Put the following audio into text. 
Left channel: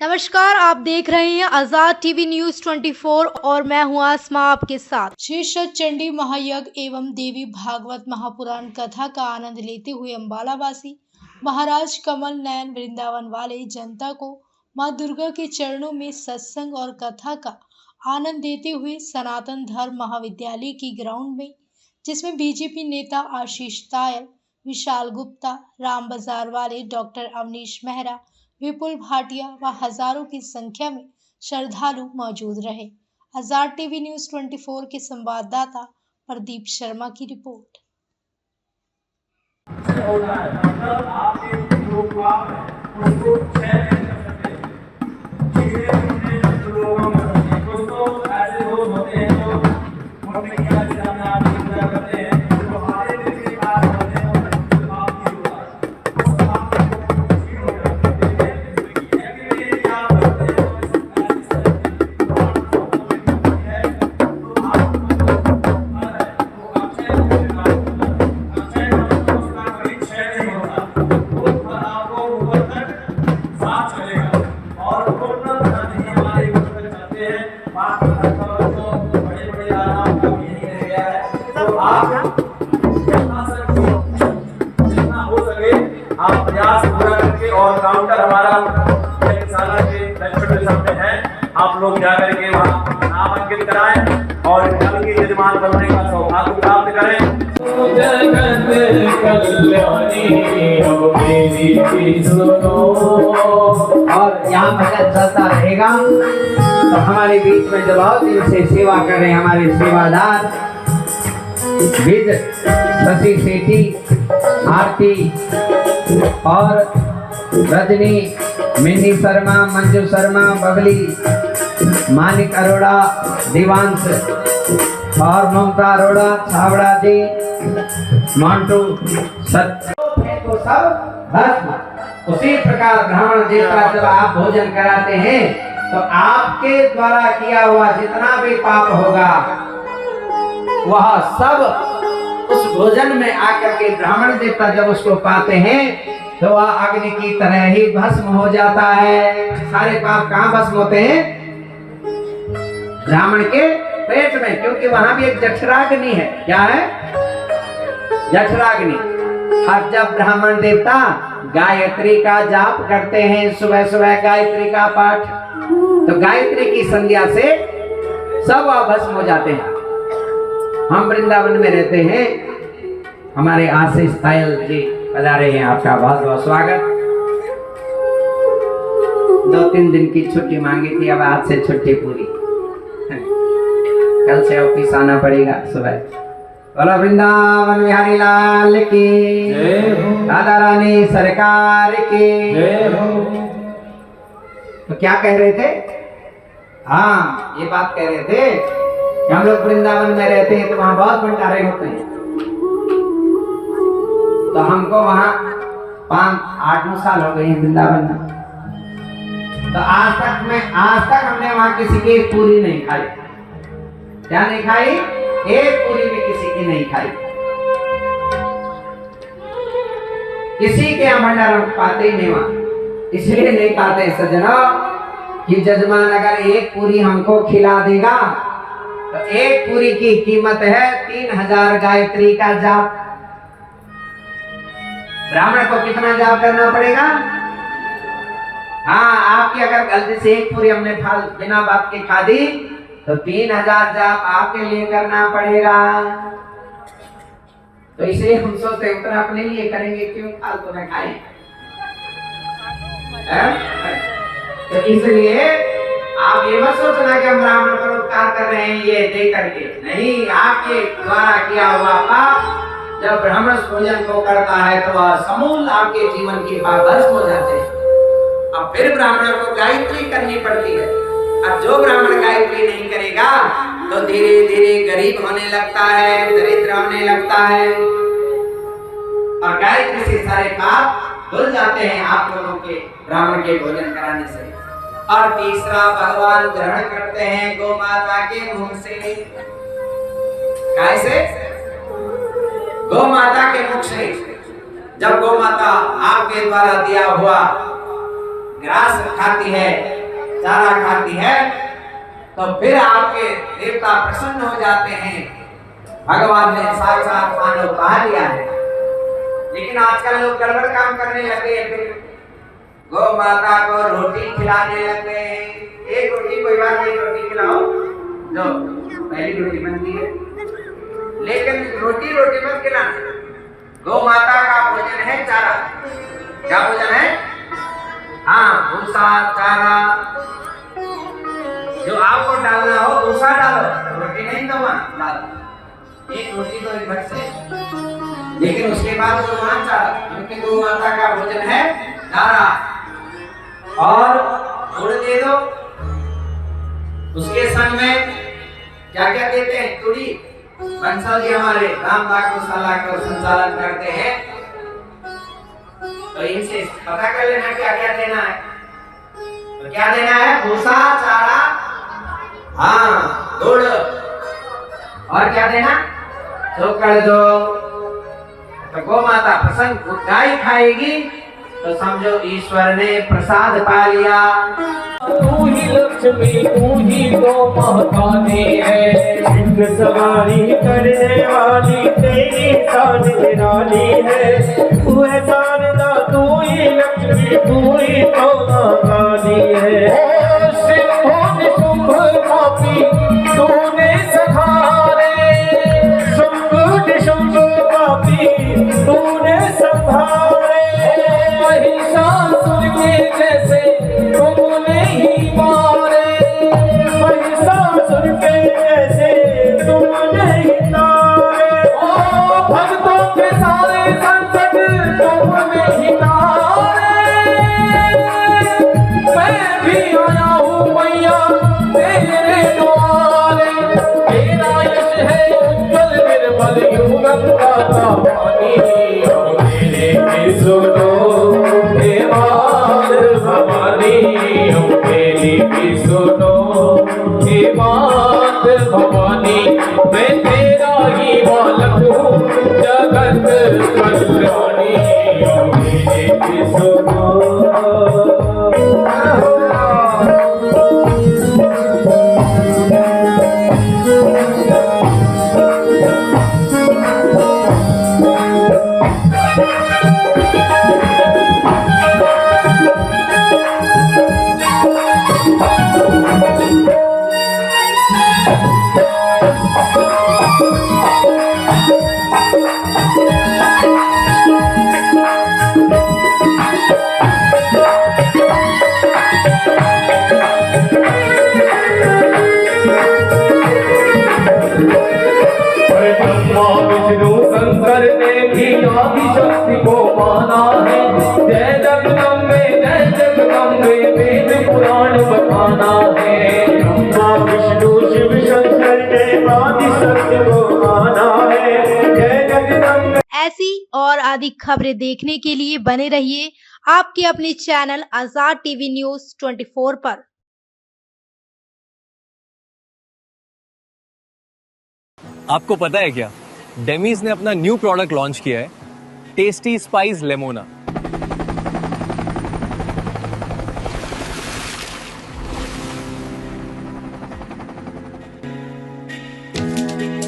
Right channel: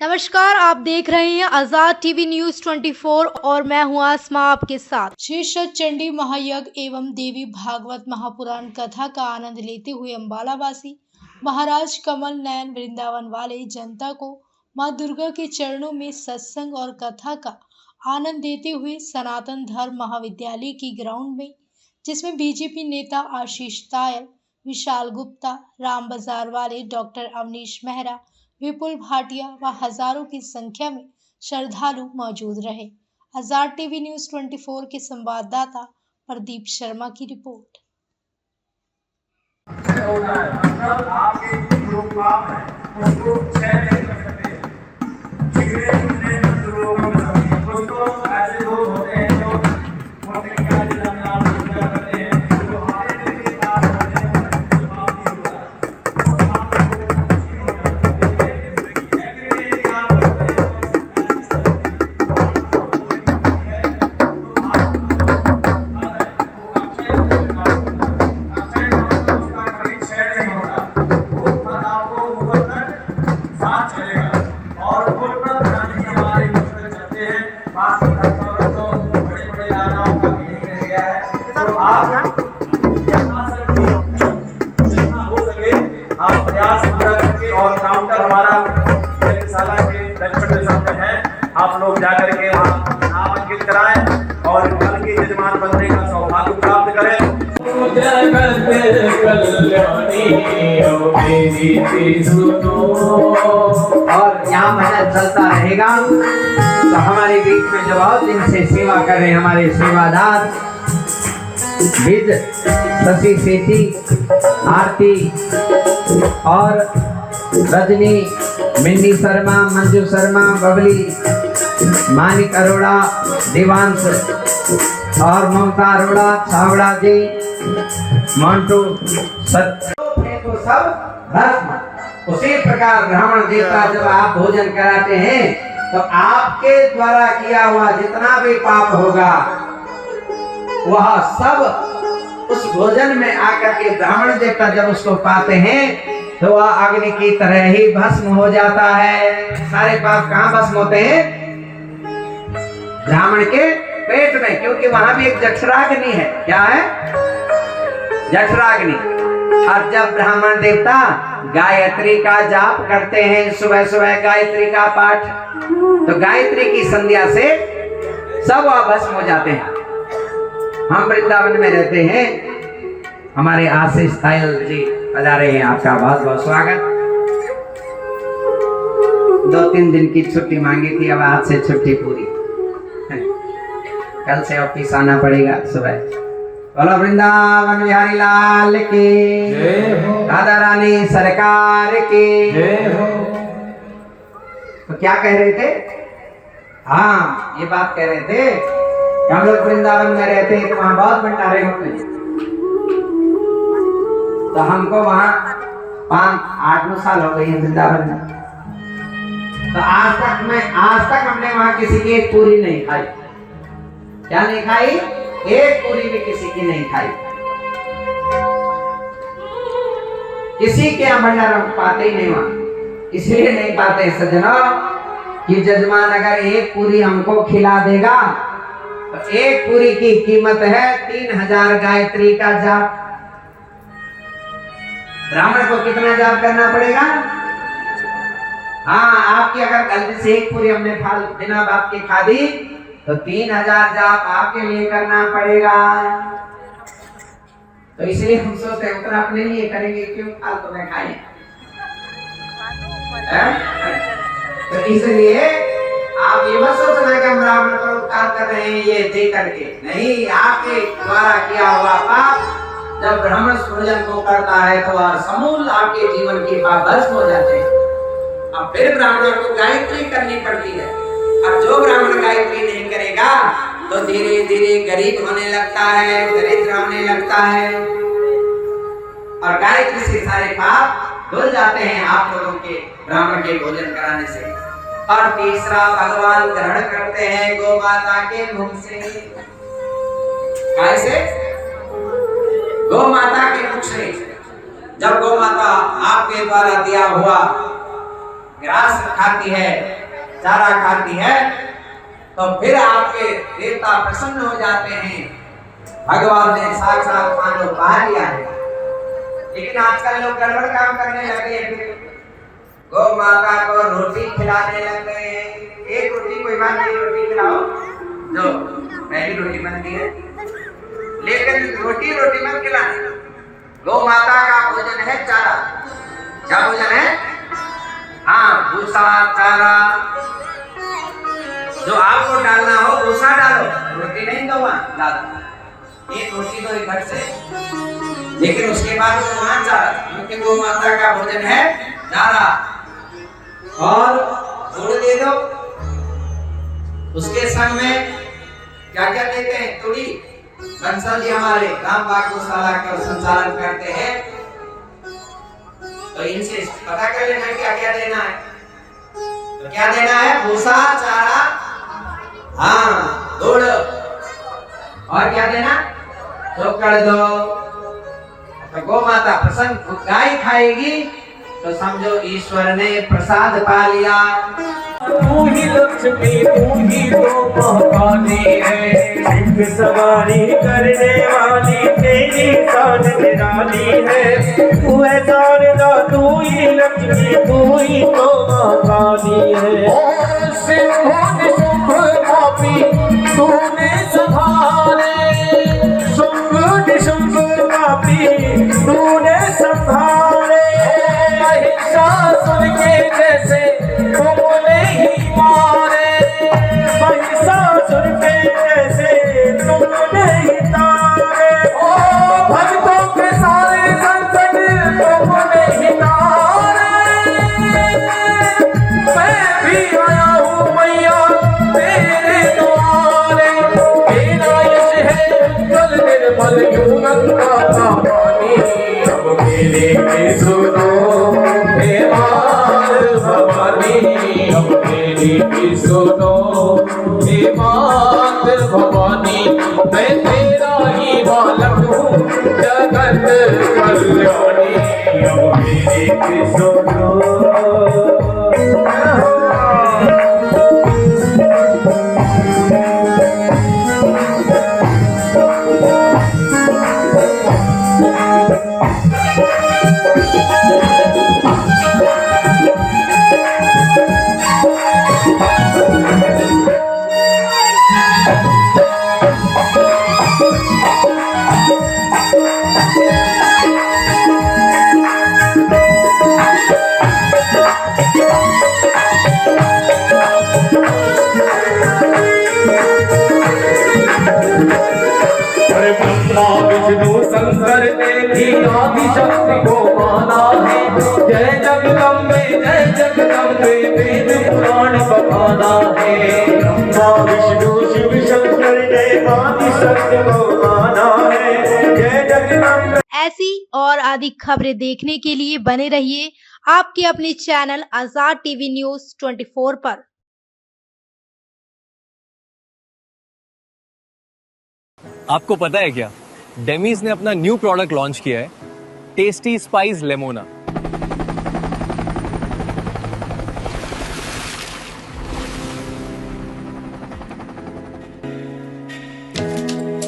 नमस्कार, आप देख रहे हैं आजाद टीवी न्यूज 24 और मैं हूं आसमा आपके साथ। श्री चंडी महायज्ञ एवं देवी भागवत महापुराण कथा का आनंद लेते हुए अम्बालावासी महाराज कमल नयन वृंदावन वाले जनता को मां दुर्गा के चरणों में सत्संग और कथा का आनंद देते हुए सनातन धर्म महाविद्यालय की ग्राउंड में, जिसमें बीजेपी नेता आशीष तायल, विशाल गुप्ता, राम बाजार वाले डॉक्टर अवनीश मेहरा, विपुल भाटिया व हजारों की संख्या में श्रद्धालु मौजूद रहे। आजाद टीवी न्यूज 24 के संवाददाता प्रदीप शर्मा की रिपोर्ट। आप प्रयास पूरा करके और काउंटर हमारा यज्ञशाला के दक्षिण दिशा में है, आप लोग जाकर के वहाँ नाम अंकित कराएं और कल के यजमान बनने का सौभाग्य प्राप्त करें। और यहाँ भजन चलता रहेगा। तो हमारे बीच में जो बहुत दिन से सेवा कर रहे हैं हमारे सेवादार विद शशि सेठी, आरती और रजनी, मिन्नी शर्मा, मंजू शर्मा, बबली, मानिक अरोड़ा, देवांश और ममता अरोड़ा, छावड़ा जी, मोन्टू, तो सब भस्म। उसी प्रकार ब्राह्मण देवता जब आप भोजन कराते हैं तो आपके द्वारा किया हुआ जितना भी पाप होगा वह सब उस भोजन में आकर के ब्राह्मण देवता जब उसको पाते हैं तो वह अग्नि की तरह ही भस्म हो जाता है। सारे पाप कहाँ भस्म होते हैं? ब्राह्मण के पेट में, क्योंकि वहां भी एक जठराग्नि है। क्या है? जठराग्नि। और जब ब्राह्मण देवता गायत्री का जाप करते हैं, सुबह सुबह गायत्री का पाठ, तो गायत्री की संध्या से सब भस्म हो जाते हैं। हम वृंदावन में रहते हैं, हमारे आशीष तायल जी पधारे हैं, आपका बहुत बहुत स्वागत। 2-3 दिन की छुट्टी मांगी थी, अब आज से छुट्टी पूरी। कल से ऑफिस आना पड़ेगा सुबह। बोलो वृंदावन बिहारी लाल की, राधा रानी सरकार की। तो क्या कह रहे थे? हाँ, ये बात कह रहे थे हम लोग वृंदावन में रहते हैं तो वहां बहुत भंडारे होते हैं। तो हमको वहां 5-8-9 साल हो गए हैं वृंदावन में। तो आज तक हमने वहां किसी की एक पूरी नहीं खाई। क्या नहीं खाई? एक पूरी भी किसी की नहीं खाई। किसी के यहाँ भंडारा पाते ही नहीं वहां, इसलिए नहीं पाते सज्जनों कि जजमान अगर एक पूरी हमको खिला देगा तो एक पूरी की कीमत है 3000 गायत्री का जाप। ब्राह्मण को कितना जाप करना पड़ेगा? हाँ, आपकी अगर गलती से एक पूरी हमने बिना बात के खा दी तो 3000 जाप आपके लिए करना पड़ेगा। तो इसलिए हम सोचते हैं उतना अपने लिए करेंगे, क्यों फालतू में खाएं। तो इसलिए आप ये मत सोचना कि हम ब्राह्मण पर उपकार कर रहे हैं ये दे करके, नहीं। आपके द्वारा किया हुआ पाप जब ब्राह्मण भोजन को करता है तो वह समूल आपके जीवन की पाप भस्म हो जाते हैं। अब फिर ब्राह्मणों को गायत्री करनी पड़ती है। अब जो ब्राह्मण गायत्री नहीं करेगा तो धीरे धीरे गरीब होने लगता है, दरिद्र होने लगता है, और गायत्री से सारे पाप धुल जाते हैं आप लोगों के ब्राह्मण के भोजन कराने से। और तीसरा भगवान ग्रहण करते हैं गौ माता के मुख से। कैसे? गौ माता के मुख से। जब गौ माता आपके द्वारा दिया हुआ ग्रास खाती है, चारा खाती है, तो फिर आपके देवता प्रसन्न हो जाते हैं। भगवान ने साक्षात मानव कहा लिया है। लेकिन आजकल लोग गड़बड़ काम करने लगे, फिर गौ माता को रोटी खिलाने लगे। एक रोटी कोई बात नहीं, रोटी खिलाओ जो पहली रोटी बनती है, लेकिन रोटी मत खिलाना। गौ माता का भोजन है चारा। क्या भोजन है? हाँ, भूसा चारा। जो आपको डालना हो भूसा डालो, रोटी नहीं तो डालो। एक रोटी तो एक घर से, लेकिन उसके बाद जो चारा, क्योंकि गौ माता का भोजन है चारा। और गुड़ दे दो, उसके संग में क्या क्या देते हैं? तुड़ी। बंसल जी हमारे राम बाग गौशाला का संचालन करते हैं, तो इनसे पता कर लेना क्या क्या देना है। तो क्या देना है? भूसा चारा, हाँ, गुड़, और क्या देना? चोकर दो। तो गौ माता प्रसन्न, गाय खाएगी तो समझो ईश्वर ने प्रसाद पा लिया। तू ही लक्ष्मी, तू ही तो महाकाली है। सिंह सवारी करने वाली तेरी शान निराली है। तू है शारदा, तू ही लक्ष्मी, तू ही तो महाकाली है। सिंह शुंभ पापी तूने संहारे, शुंभ पापी तूने संहारे। महिषासुर के जैसे तुमने ही मारे, महिषासुर के जैसे तुमने ही तारे। ओ भक्तों के सारे संकट तुमने ही तारे। मैं भी आया हूँ मैया तेरे द्वारे। मेरा यश है उज्जवल निर्मल यूं गंगा का पानी। अब मेरे की सुनो हे मात भवानी, अब मेरी की सुनो हे मात भवानी। मैं तेरा ही बालक हूँ जगत कल्याणी। अब मेरी की सुनो। विष्णु शंकर ने भी आदिशक्ति को माना है। जय जगदम्बे वेद पुराण बखाना है। ब्रह्मा विष्णु शिव शंकर ने आदिशक्ति को माना है। जय जगदम्बे। ऐसी और आदि खबरें देखने के लिए बने रहिए आपके अपने चैनल आजाद टीवी न्यूज 24 पर। आपको पता है क्या, डेमीज ने अपना न्यू प्रोडक्ट लॉन्च किया है, टेस्टी स्पाइस लेमोना।